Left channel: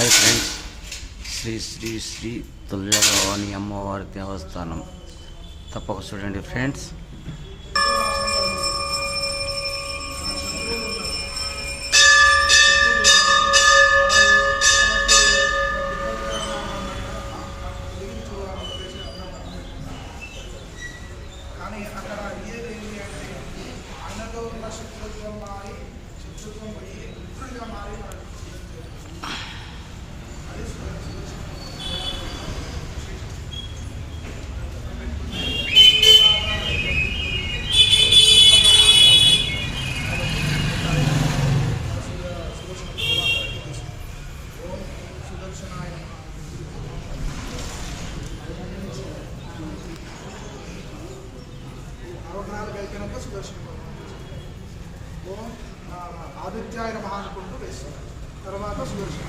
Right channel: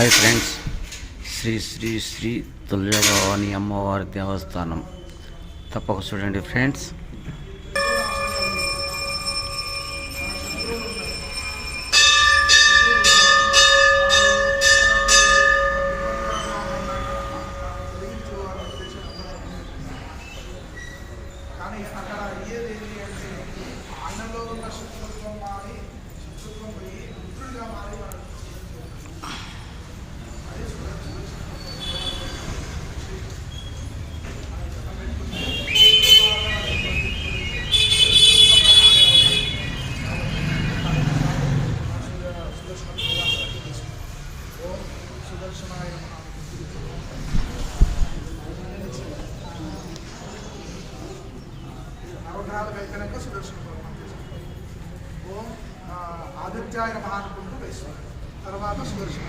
Hi friends, Shri Shri Shri తుల్యభవాని అమ్మవారి దేవస్థానం తప్పక చూడండి ఫ్రెండ్స్. కానీ అక్కడ అయ్యేది ఏంటి అంటే ఆయనలో ఉన్న శత్రుత్వం మారి శత్రుత్వం పోయి మిత్రులుగా మారి సుదర్శనాయ అవతారాలు కలిపినాక సుదర్శన ఓం ఆదిత్యాయ నమః అనుకుంటూ వేస్తారు. తర్వాత సుదర్శన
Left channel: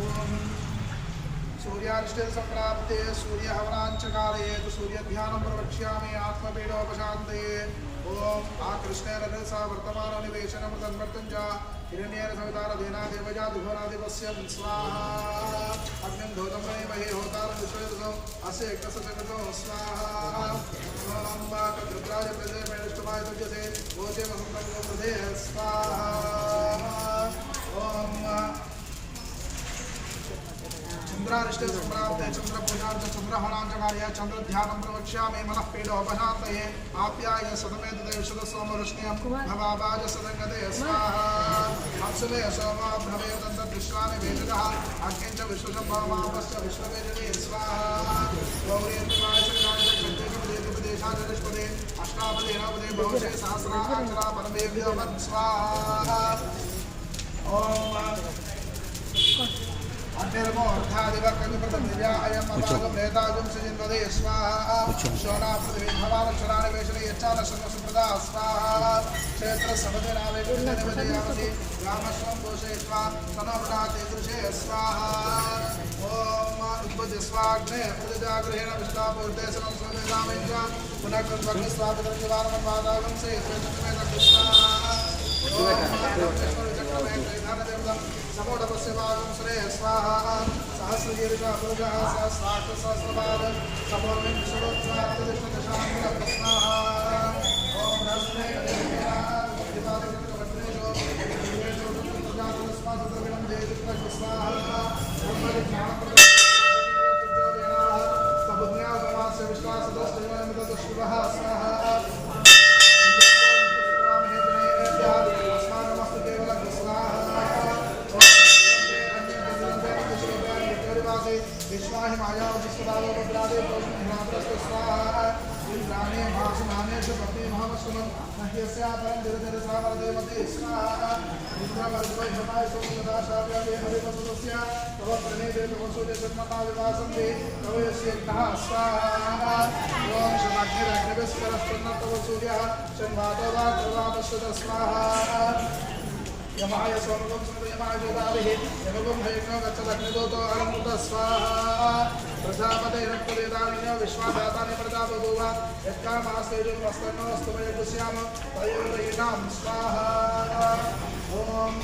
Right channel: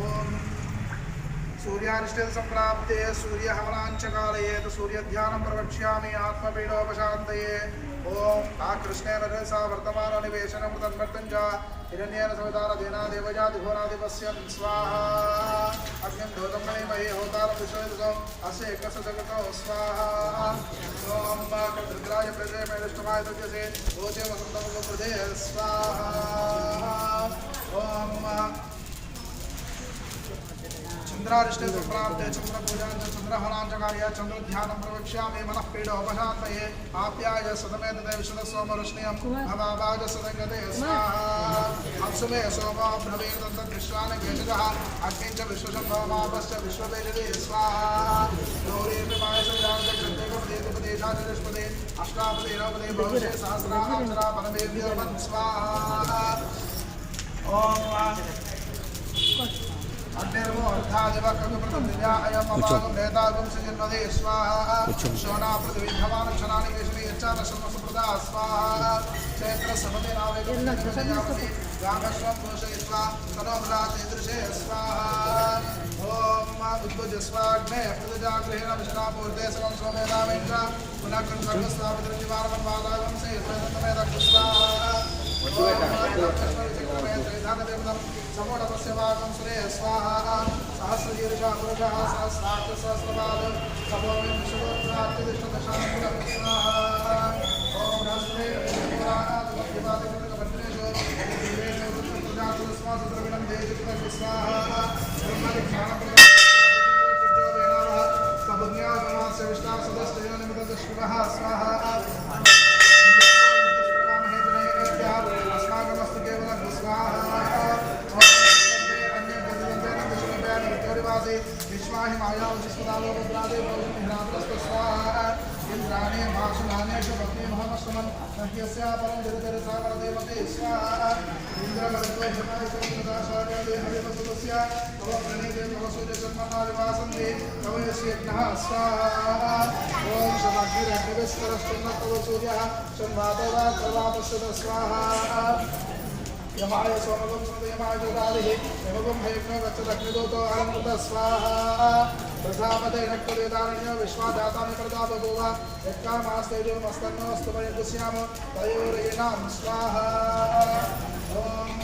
ఓం సూర్యానిష్ట సంప్రాప్తే సూర్య హవనాంచకాలయేత్ సూర్య ధ్యానం ప్రవక్ష్యామి ఆత్మపీడోపశాంతయే. ఓం ఆ కృష్ణేన రసా వర్తమాన నివేశనం తన్మర్తం చ హిరణ్యేన సవితార దేనా దేవజాదిఘోరాధిపస్య స్వాహా. అగ్నిం ధోతమణి మహే హోతారం విశ్వతో అస్య యజ్ఞస్య జగతో స్వాహా. ఓం రుద్రాయ ప్రజయ మేనష్టమాయ దుర్యసే ఓతే వసంతముఖ ప్రదే స్వాహా. ఓం చంద్రారిష్ట సంప్రాప్తే చంద్ర పూజాంచ చంద్రహరాంచకార్య చంద్ర ధ్యానం ప్రవక్ష్యామి మనః పీడోపశాంతయే. ఆప్యాయ సతమేత విశద సోమ రుష్ణ్యం భవాభాజ సదంగతే స్వాహా. అప్సుమే సోమా భ్రవేదంత విశ్వాని వేషదః అగ్నించ విశ్వశంభవమాపశ్చ విశ్వవేజతే స్వాహా. గౌరీర్మాయ సవిజాంచ క్షంతేకపదేశపదే అష్టాపదే నవపదే భవశే సహస్రాక్షరా పరమేభ్యో మన్ స్వాహా. ఓం అగ్నిర్మో అర్థాదివక్రగృతం దివ్యా అయం అపాగం నేతాగం సజన్వదే స్వాహా. శోనా పృథివీ భవానక్షరాణి వేషణి యచ్చాన శర్మసుప్రదా స్వాహా. క్షేత్ర సపదే నావేకవిజయామసి రామస్వం భూషయిత్వా తనోమనాతీదృశే స్వాహా. ఓం ఉద్భుజ స్వాగ్నే ప్రజాగృహేణ విష్ణాపూర్తేశనం సోమేదామేంద్ర పునఃకృత్వగ్రస్వాపితృజవారమన్ వాదాగం సే స్వేదమేద స్వాహా. సమోఢపస్యవాగం సురే స్వాహా. సహస్రదీర్ఘ పురుషः సహస్రాక్ష సహస్రపాద సమోమిం విష్ణుత్వాత్యదిష్టదశాంగుణ స్వాహా. ఓం బృహస్పతే కవిపాదికృతకపత్రేషు దివేషు వృత్తప్రజాతులస్మాసుద్రవిణం దేశుత్వ స్వాహా. సబుజ్ఞాగమాస్య విష్ణాసదస్తైనమితదుష్కృవః స్వాహా. अस्माकमस्तु केवलं स्वाहा. विश्वाहि मायावशिष्टादो रुद्रादे पौर्णिरात्रस्तु स्वाहा. इंद्राणे भाषमाने च पत्नी महामस्तुमं नह्यस्या परं जरजरसावरदेवते स्वाहा. इंद्रवर्गो जनाय सोमदाशार्यादे हरिवसुतस्य तव प्रणेते तवसुदे सन्मनादिवासन्ते कवयस्यज्ञः स्वाहा. ओम शमाग्निरग्निविस्करस्तुन्न सूर्यः शन्वातवातवापश्यत स्वाहा. यमाय सोमगं सदयमाय गोदारिः यमगं भयज्ञो गच्छदग्निदूतो अरमृत स्वाहा. प्रजापते रक्तवेदानिन्यो विश्वादातानि प्रजापगोव यत्कामास्तेजोमस्तन्नोऽस्तु वयगुस्याम तयोरीणां स्वाहा. ओम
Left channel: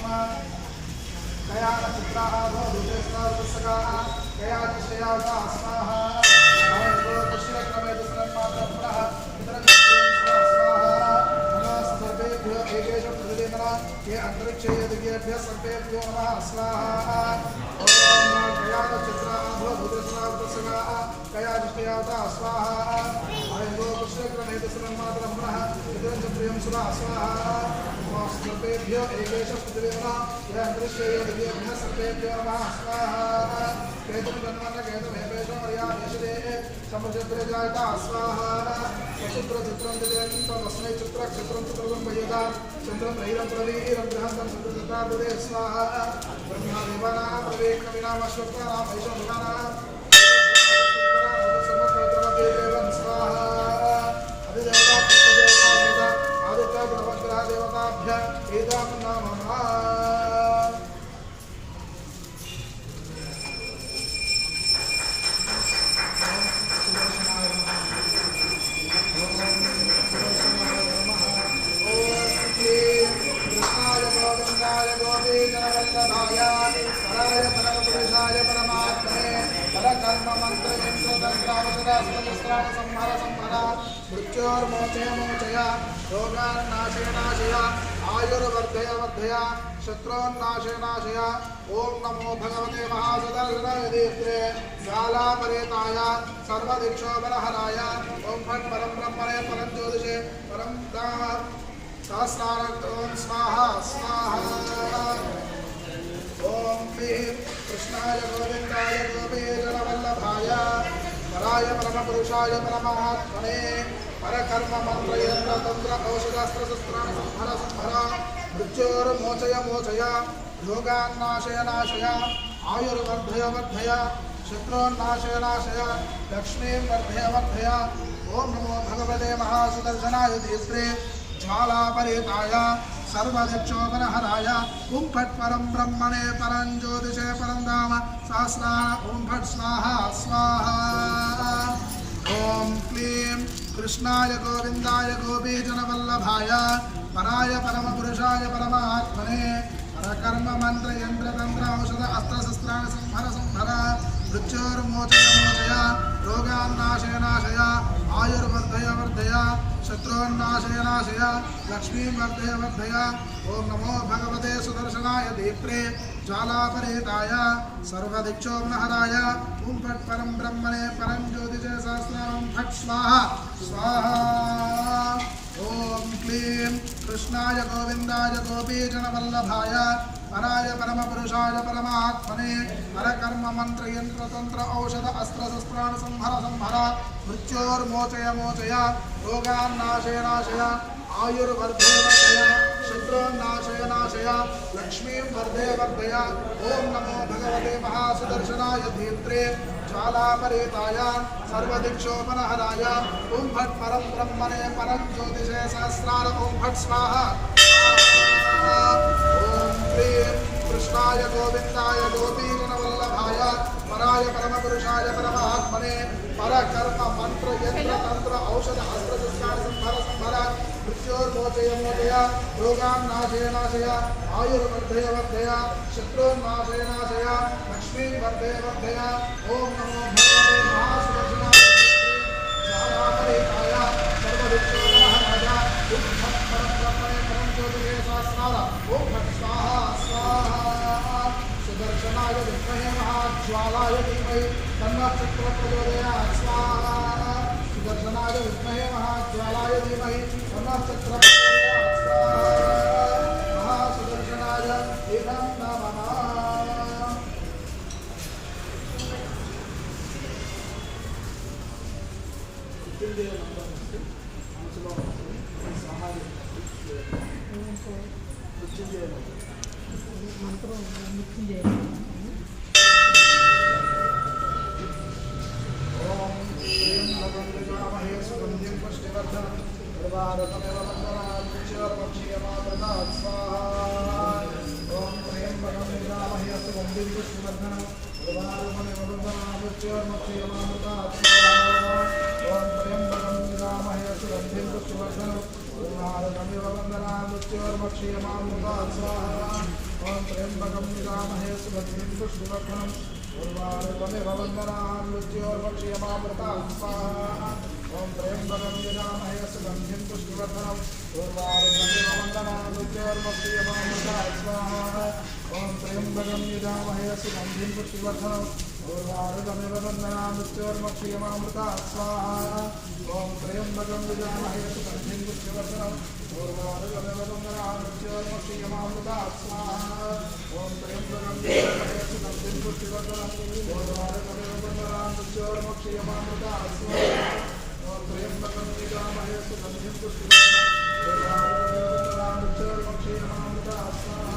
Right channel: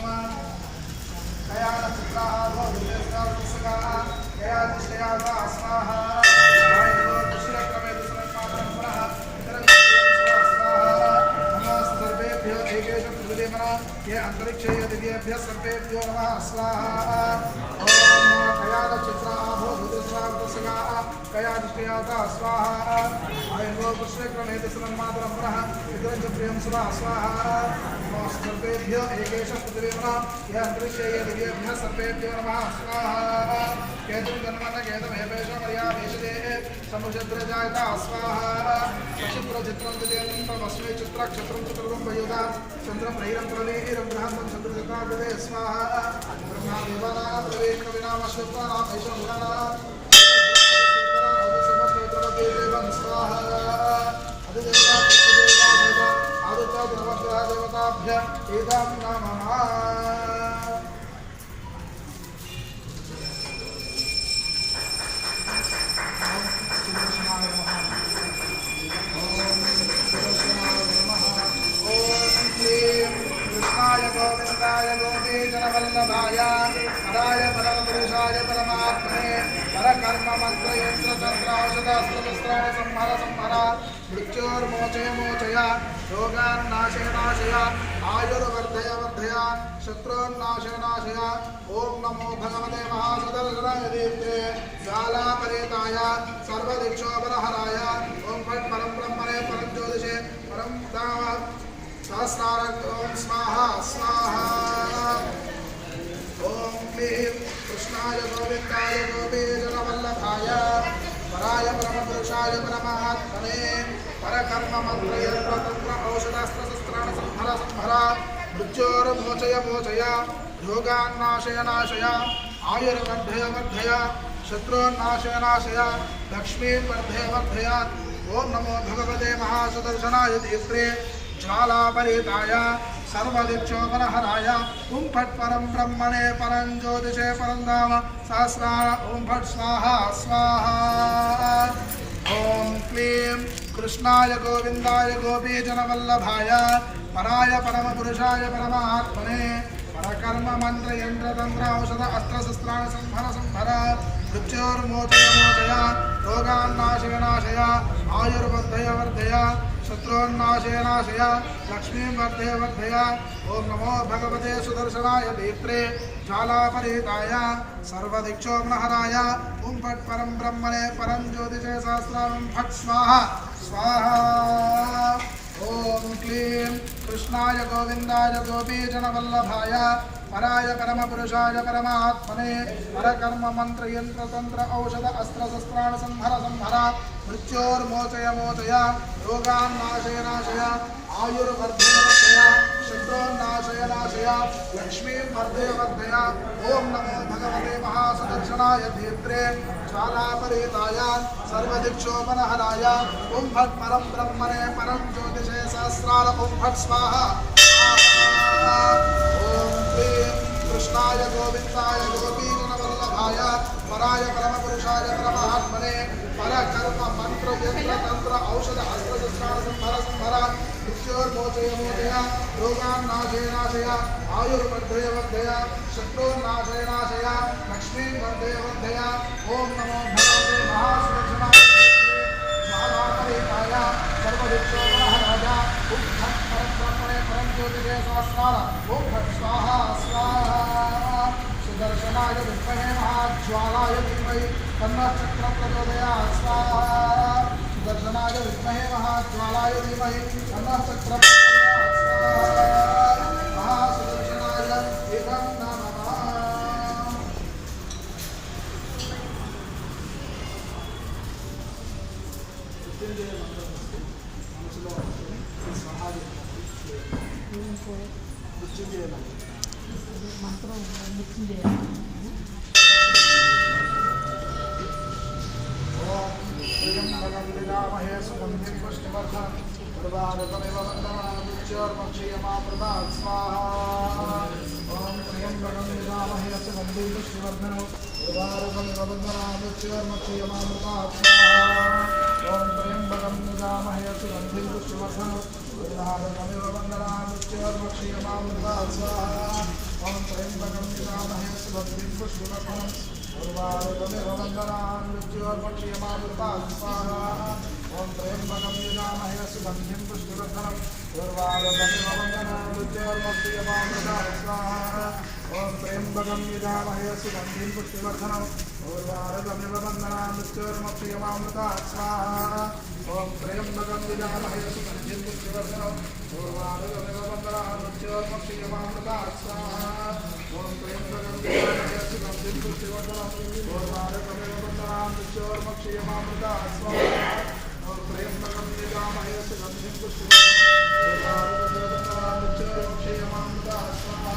कयानचित्राः भवतिस्तावस्सकाः कयानिष्ठयाः स्वाहा. ये अंतरिक्ष दिव्येभ्यः सर्वेभ्यो नमः स्वाहा. ओम कयानचित्राः भवतिस्तावस्सकाः कयानिष्ठयाः स्वाहा. आयंगो कृष्णग्रहणेति सुमन्मातरं पुनः इदं च प्रियं सुरा स्वाहा. सर्वेभ्यो एकेशं पृथिवी नमः. ये अंतरिक्ष दिव्येभ्यः सर्वेभ्यो नमः स्वाहा. केतुं जन्मन केतुमेवेशं मर्यामेषदे समुद्रजायता स्वाहा. सचित्रचित्रं तदेन्द्रमस्मै चित्रक्षत्रं चित्रं वयुधा चन्द्रं रैरं प्रलीरं बृहन्तं चन्द्रचक्रार्बुदे स्वाहा. ब्रह्मा विवराः प्रवेकविनामश्वत्वानाम् ऐशं गुणानाम् समप्रतिमदेवं स्वाहा. अधिदेवता पुत्रदेवता आदित्य गुणवन्तः देवताभ्य एदां नमः. कृष्णाय गोविन्दाय गोपी गोपीजनवल्लभाय पराय परमपुरुषाय परमात्मने परकर्म मन्त्रयन्त्रतन्त्रावशदास्त्रशस्त्राणि संहर संहर मृत्योर्मोचय मोचय रोगान्नाशय नाशय आयुर्वर्धय वर्धय शत्रून्नाशय नाशय ओम नमो भगवते महासुदर्शनाय दीप्ते ज्वालापरेताय सर्वदिक्षोपरहराय ओम फट् परं ब्रह्मणे परं ज्योतिषे परं सहस्रार्थ ओम स्वाहा स्वाहा ओम क्लीं कृष्णाय गोविन्दाय गोपीजनवल्लभाय पराय परमपुरुषाय परमात्मने परकर्म मन्त्रयन्त्रतन्त्र औषधास्त्रशस्त्राणि संहर संहर मृत्योर्मोचय मोचय रोगान्नाशय नाशय आयुर्वर्धय वर्धय शत्रून्नाशय नाशय लक्ष्मीर्वर्धय वर्धय ओम नमो भगवते महासुदर्शनाय दीप्ते ज्वालापरेताय सर्वदिक्षोपरहराय ओम फट् परं ब्रह्मणे परं ज्योतिषे परं धाम सहस्रार ओम फट् स्वाहा स्वाहा ओम क्लीं कृष्णाय गोविन्दाय गोपीजनवल्लभाय पराय परमपुरुषाय परमात्मने परकर्म मन्त्रयन्त्रतन्त्र औषध अस्त्रशस्त्राणि संहर संहर मृत्योर्मोचय मोचय रोगान्नाशय नाशय आयुर्वर्धय वर्धय शत्रून्नाशय नाशय लक्ष्मीर्वर्धय वर्धय ओम नमो भगवते सुदर्शनाय दीप्ते ज्वालापरेताय सर्वदिक्षोपनहराय ओम फट् परं ब्रह्मणे परं ज्योतिषे सहस्रारं फट् स्वाहा स्वाहा ओम क्लीं कृष्णाय गोविन्दाय गोपीजनवल्लभाय पराय परमपुरुषाय परमात्मने परकर्म मन्त्रयन्त्रतन्त्र औषध अस्त्रशस्त्राणि संहर संहर मृत्योर्मोचय मोचय रोगान्नाशय नाशय आयुर्वर्धय वर्धय शत्रून्नाशय नाशय लक्ष्मीर्वर्धय वर्धय ओम नमो भगवते महासुदर्शनाय दीप्ते ज्वालापरेताय सर्वदिक्षोपनहराय ओम फट् परं ब्रह्मणे परं ज्योतिषे सहस्रार ओम फट् स्वाहा ओम क्लीं कृष्णाय गोविन्दाय गोपीजनवल्लभाय पराय परमपुरुषाय परमात्मने परकर्म मन्त्रयन्त्रतन्त्र औषध अस्त्रशस्त्राणि संहर संहर मृत्योर्मोचय मोचय रोगान्नाशय नाशय आयुर्वर्धय वर्धय शत्रून्नाशय नाशय लक्ष्मीर्वर्धय वर्धय ओम नमो भगवते महासुदर्शनाय ज्वालापरेताय सर्वदिक्षोपनहराय ओम फट् परं ब्रह्मणे परं ज्योतिषे सहस्रार ओम फट् स्वाहा स्वाहा सुदर्शनाय विद्महे महाज्वालाय धीमहि तन्नः चक्रः प्रचोदयात् स्वाहा सुदर्शनाय विद्महे महाज्वालाय धीमहि तन्नः चक्रः प्रचोदयात् स्वाहा महासुदर्शनाय एकं नमः मृत्युंजय मंत्रों मृत्युंजय ओम प्रियं भगवन्दिकामहे सुगन्धिं पुष्टिवर्धनं उर्वारुकमेव वन्दनामृत्योर्मक्षीयमामृतात् स्वाहा ओम प्रियं भगवन्दिकामहे सुगन्धिं पुष्टिवर्धनं उर्वारुकमेव वन्दनामृत्योर्मक्षीयमामृतात् स्वाहा ओम प्रियं भगवन्दिकामहे सुगन्धिं पुष्टिवर्धनं उर्वारुकमेव वन्दनामृत्योर्मक्षीयमामृतात् स्वाहा ओम त्र्यंबकं यजामहे सुगन्धिं पुष्टिवर्धनं उर्वारुकमेव वन्दनामृत्योर्मक्षीयमामृतात् स्वाहा ओम त्र्यंबकं यजामहे सुगन्धिं पुष्टिवर्धनं उर्वारुकमेव वन्दनामृत्योर्मक्षीयमामृतात् स्वाहा ओम त्र्यंबकं यजामहे सुगन्धिं पुष्टिवर्धनं उर्वारुकमेव वन्दनामृत्योर्मक्षीयमामृतात् स्वाहा ओम त्र्यंबकं यजामहे सुगन्धिं पुष्टिवर्धनं उर्वारुकमेव वन्दनामृत्योर्मक्षीयमामृतात् स्वाहा ओम त्र्यंबकं यजामहे सुगन्धिं पुष्टिवर्धनं उर्वारुकमेव वन्दनामृत्योर्मक्षीयमामृतात् स्वाहा ओम त्र्यंबकं यजामहे सुगन्धिं पुष्टिवर्धनं उर्वारुकमेव वन्दनामृत्योर्मक्षीयमामृतात् स्वाहा।